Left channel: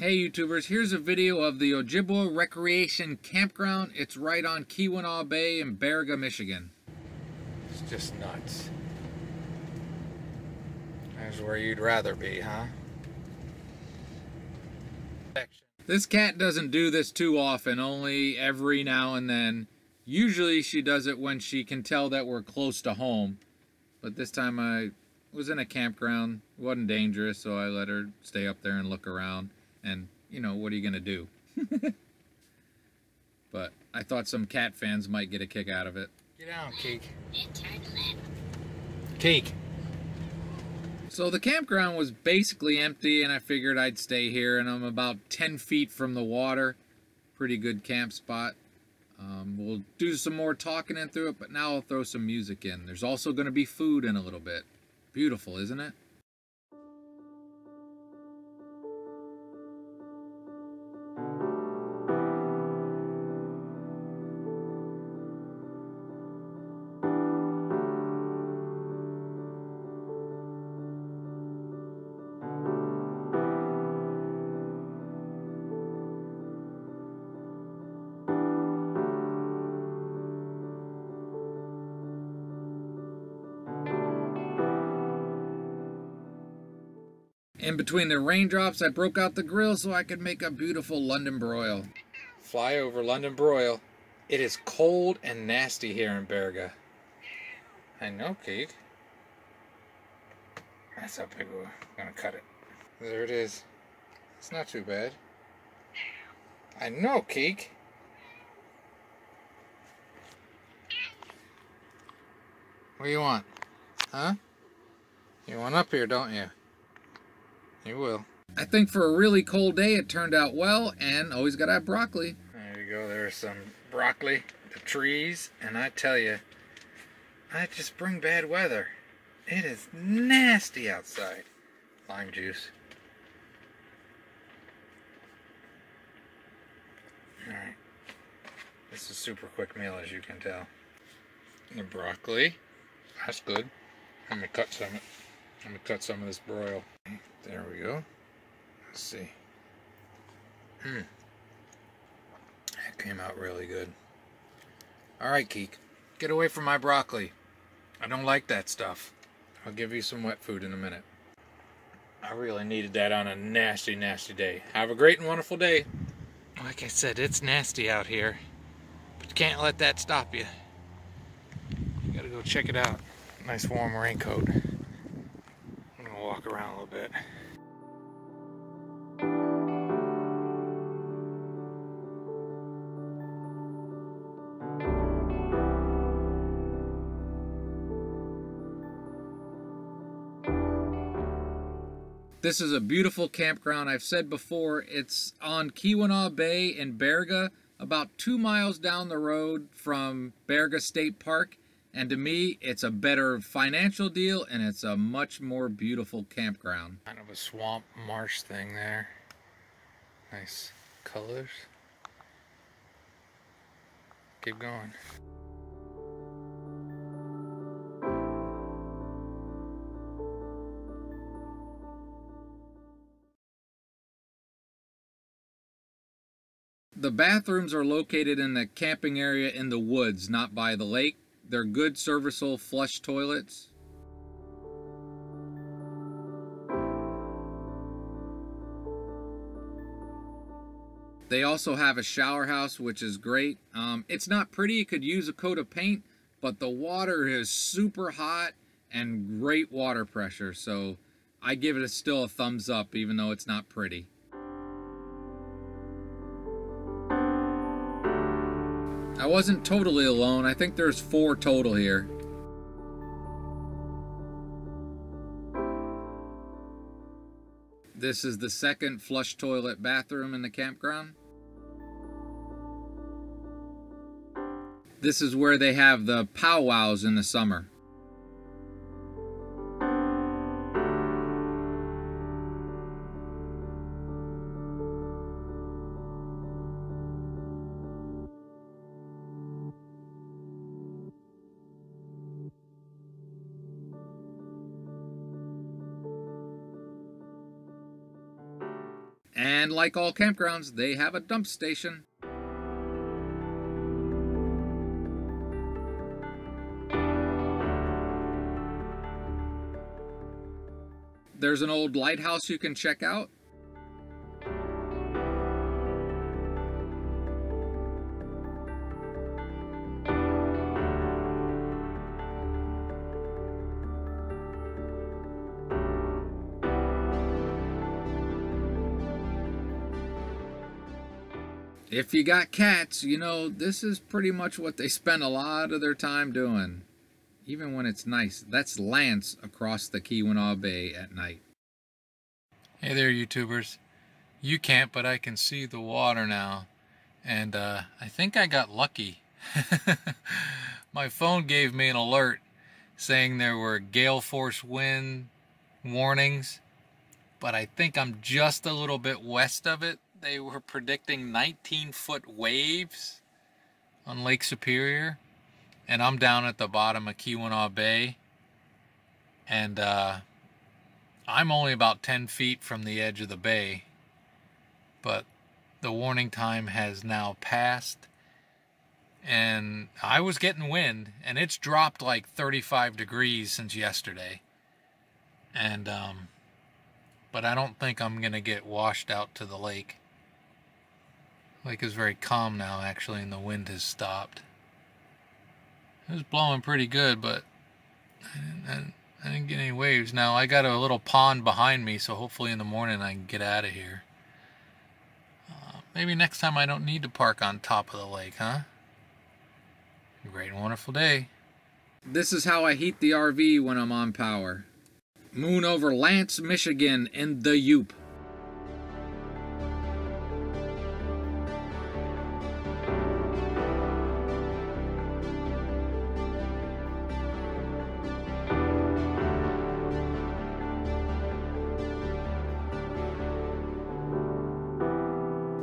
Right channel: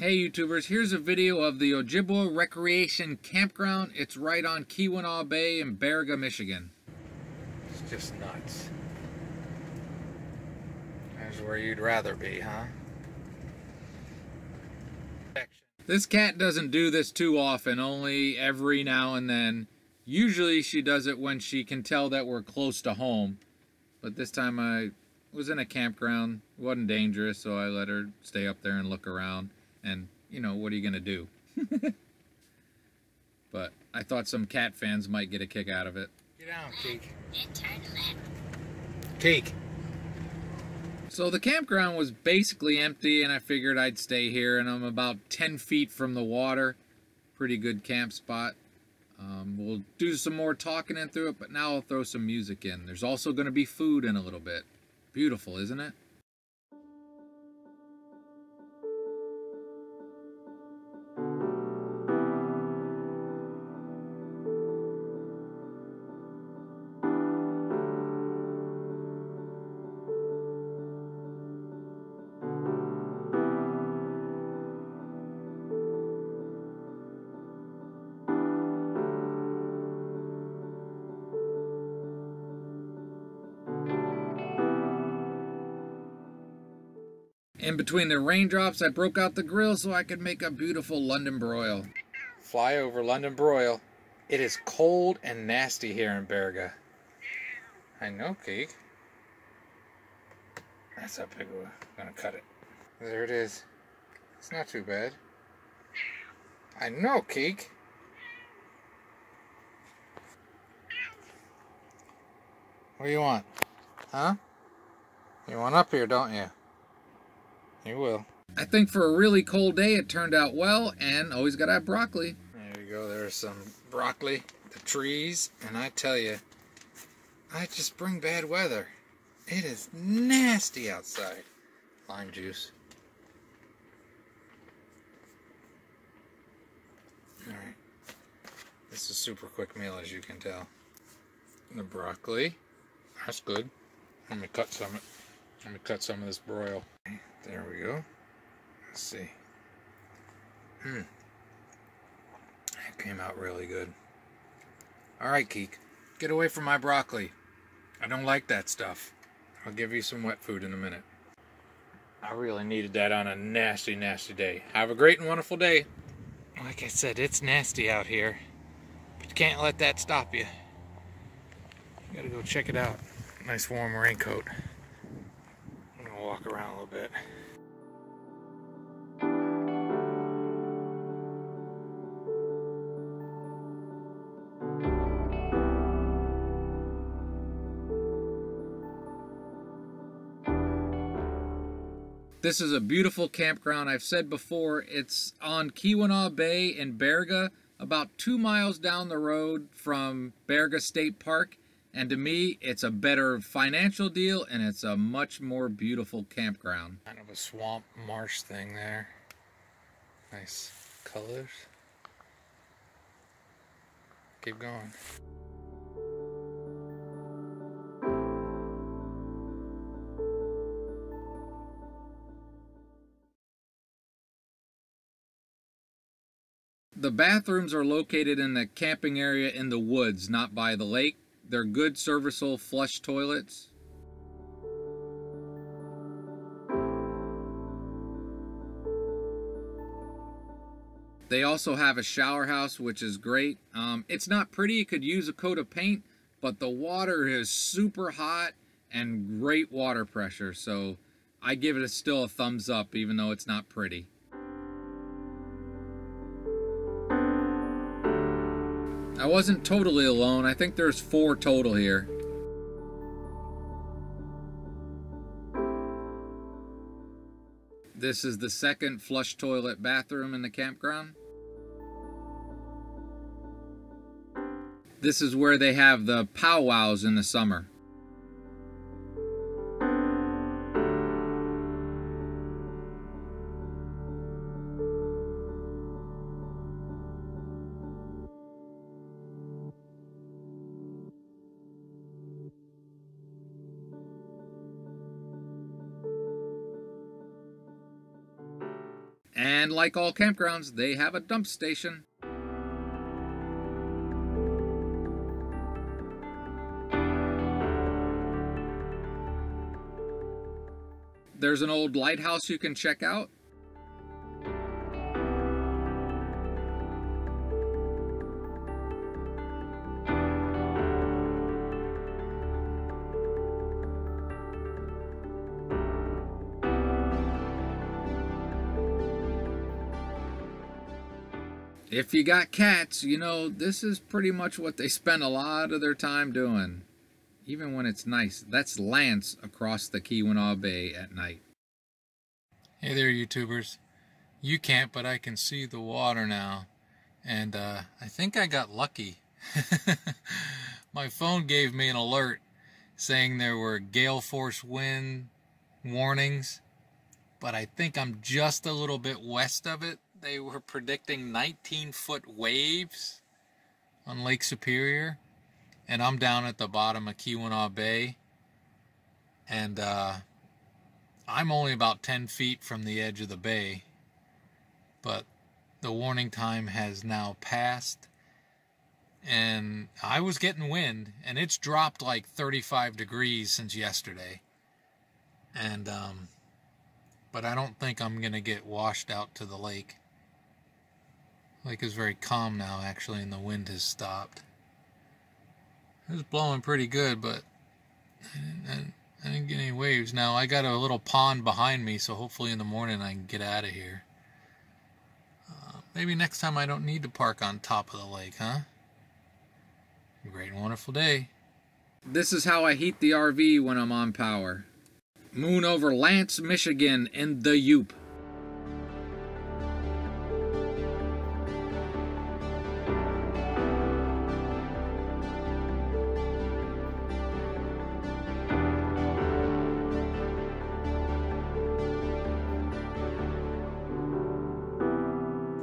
Hey YouTubers, here's a video of the Ojibwa Recreation Campground. It's right on Keweenaw Bay in Baraga, Michigan. It's just nuts. There's where you'd rather be, huh? This cat doesn't do this too often, only every now and then. Usually she does it when she can tell that we're close to home. But this time I was in a campground. It wasn't dangerous, so I let her stay up there and look around. And, you know, what are you going to do? But I thought some cat fans might get a kick out of it. Get down, Keek. Keek. So the campground was basically empty, and I figured I'd stay here, and I'm about 10 feet from the water. Pretty good camp spot. We'll do some more talking in through it, but now I'll throw some music in. There's also going to be food in a little bit. Beautiful, isn't it? In between the raindrops, I broke out the grill so I could make a beautiful London broil. Fly over London broil. It is cold and nasty here in Baraga. I know, Keek. That's how big we're gonna cut it. There it is. It's not too bad. I know, Keek. What do you want? Huh? You want up here, don't you? You will. I think for a really cold day it turned out well, and always gotta have broccoli. There you go, there's some broccoli, the trees, and I tell you, I just bring bad weather. It is nasty outside. Lime juice. Alright. This is a super quick meal, as you can tell. The broccoli. That's good. Let me cut some of this broil. There we go. Let's see. That came out really good. Alright, Keek. Get away from my broccoli. I don't like that stuff. I'll give you some wet food in a minute. I really needed that on a nasty, nasty day. Have a great and wonderful day. Like I said, it's nasty out here. But you can't let that stop you. You gotta go check it out. Nice warm raincoat. I'm gonna walk around a little bit. This is a beautiful campground. I've said before, it's on Keweenaw Bay in Baraga, about 2 miles down the road from Baraga State Park. And to me, it's a better financial deal, and it's a much more beautiful campground. Kind of a swamp marsh thing there. Nice colors. Keep going. The bathrooms are located in the camping area in the woods, not by the lake. They're good, serviceable flush toilets. They also have a shower house, which is great. It's not pretty, it could use a coat of paint, but the water is super hot and great water pressure. So I give it still a thumbs up, even though it's not pretty. I wasn't totally alone. I think there's 4 total here. This is the second flush toilet bathroom in the campground. This is where they have the powwows in the summer. And like all campgrounds, they have a dump station. There's an old lighthouse you can check out. If you got cats, you know, this is pretty much what they spend a lot of their time doing. Even when it's nice. That's Lance across the Keweenaw Bay at night. Hey there, YouTubers. You can't, but I can see the water now. And I think I got lucky. My phone gave me an alert saying there were gale force wind warnings. But I think I'm just a little bit west of it. They were predicting 19-foot waves on Lake Superior. And I'm down at the bottom of Keweenaw Bay. And I'm only about 10 feet from the edge of the bay. But the warning time has now passed. And I was getting wind. And it's dropped like 35 degrees since yesterday. And but I don't think I'm going to get washed out to the lake. Lake is very calm now, actually, and the wind has stopped. It was blowing pretty good, but I didn't get any waves. Now, I got a little pond behind me, so hopefully in the morning I can get out of here. Maybe next time I don't need to park on top of the lake, huh? A great and wonderful day. This is how I heat the RV when I'm on power. Moon over Lance, Michigan in the Yoop.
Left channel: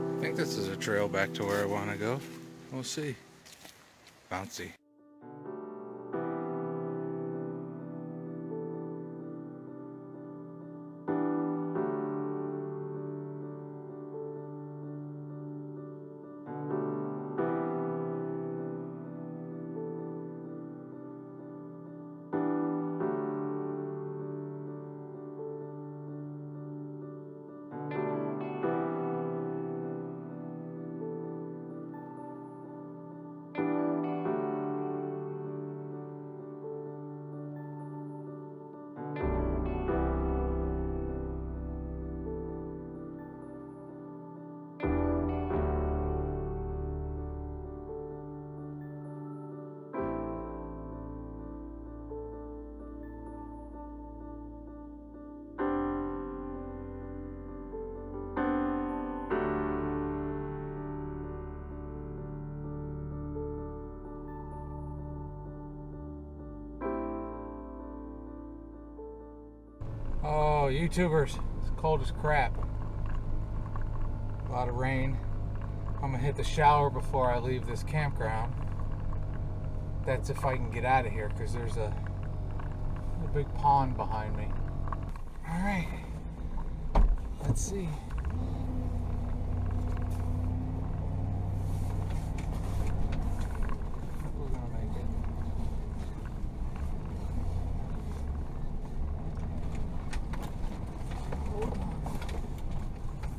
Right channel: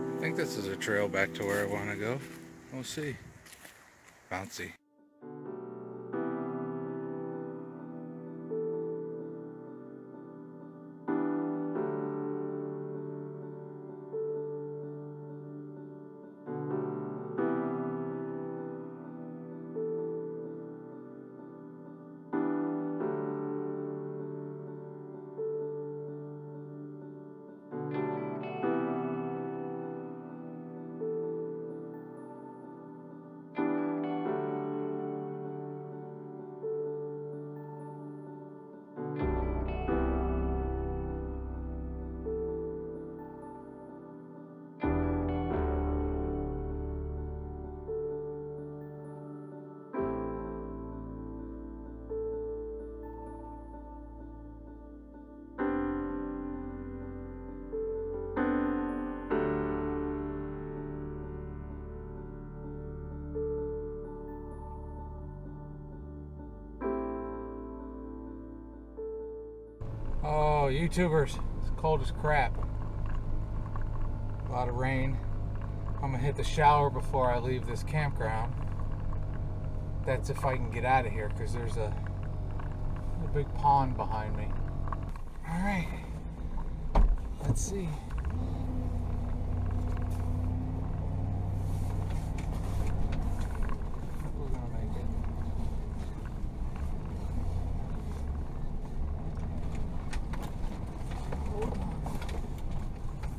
I think this is a trail back to where I want to go. We'll see. Bouncy. Oh, YouTubers, it's cold as crap. A lot of rain. I'm gonna hit the shower before I leave this campground. That's if I can get out of here, because there's a big pond behind me. All right, let's see. We're gonna make it.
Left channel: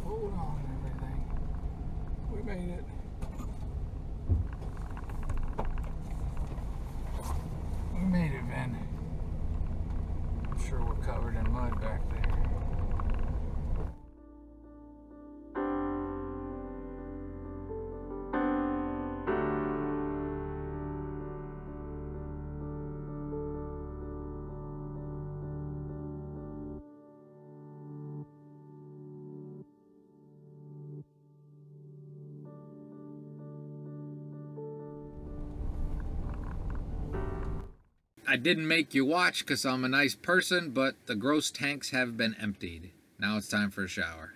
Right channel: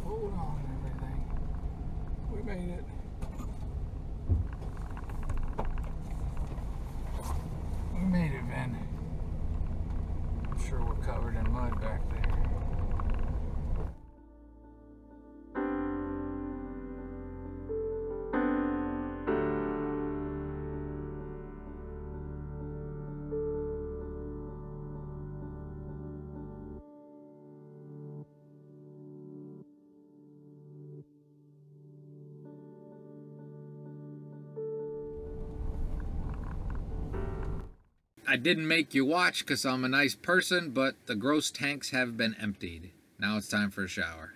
Hold on, everything. We made it. We made it, man. I'm sure we're covered in mud back there. I didn't make you watch because I'm a nice person, but the gross tanks have been emptied. Now it's time for a shower.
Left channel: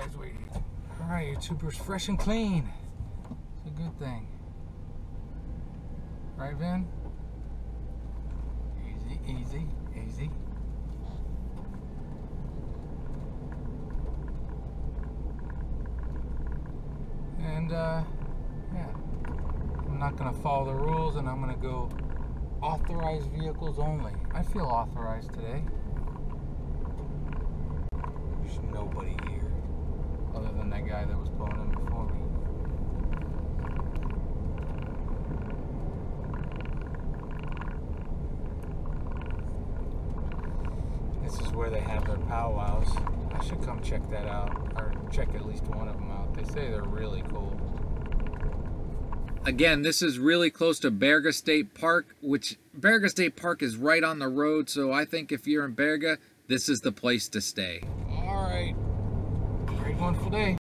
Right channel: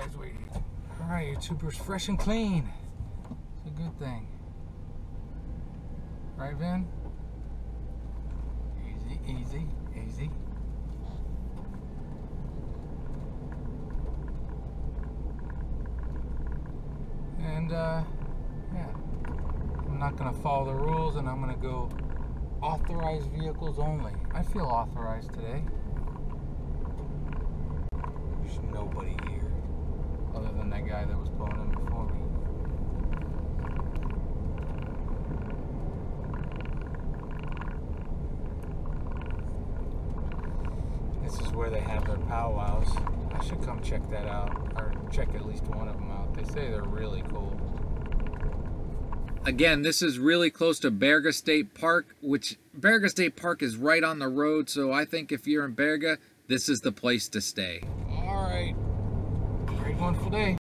guys waiting. Alright, YouTubers, fresh and clean. It's a good thing. Right, Vin? Easy, easy, easy. And, yeah. I'm not going to follow the rules, and I'm going to go authorized vehicles only. I feel authorized today. There's nobody here other than that guy that was pulling in before me. This is where they have their powwows. I should come check that out, or check at least one of them out. They say they're really cool. Again, this is really close to Baraga State Park, which Baraga State Park is right on the road, so I think if you're in Baraga, this is the place to stay. All right. Great wonderful day.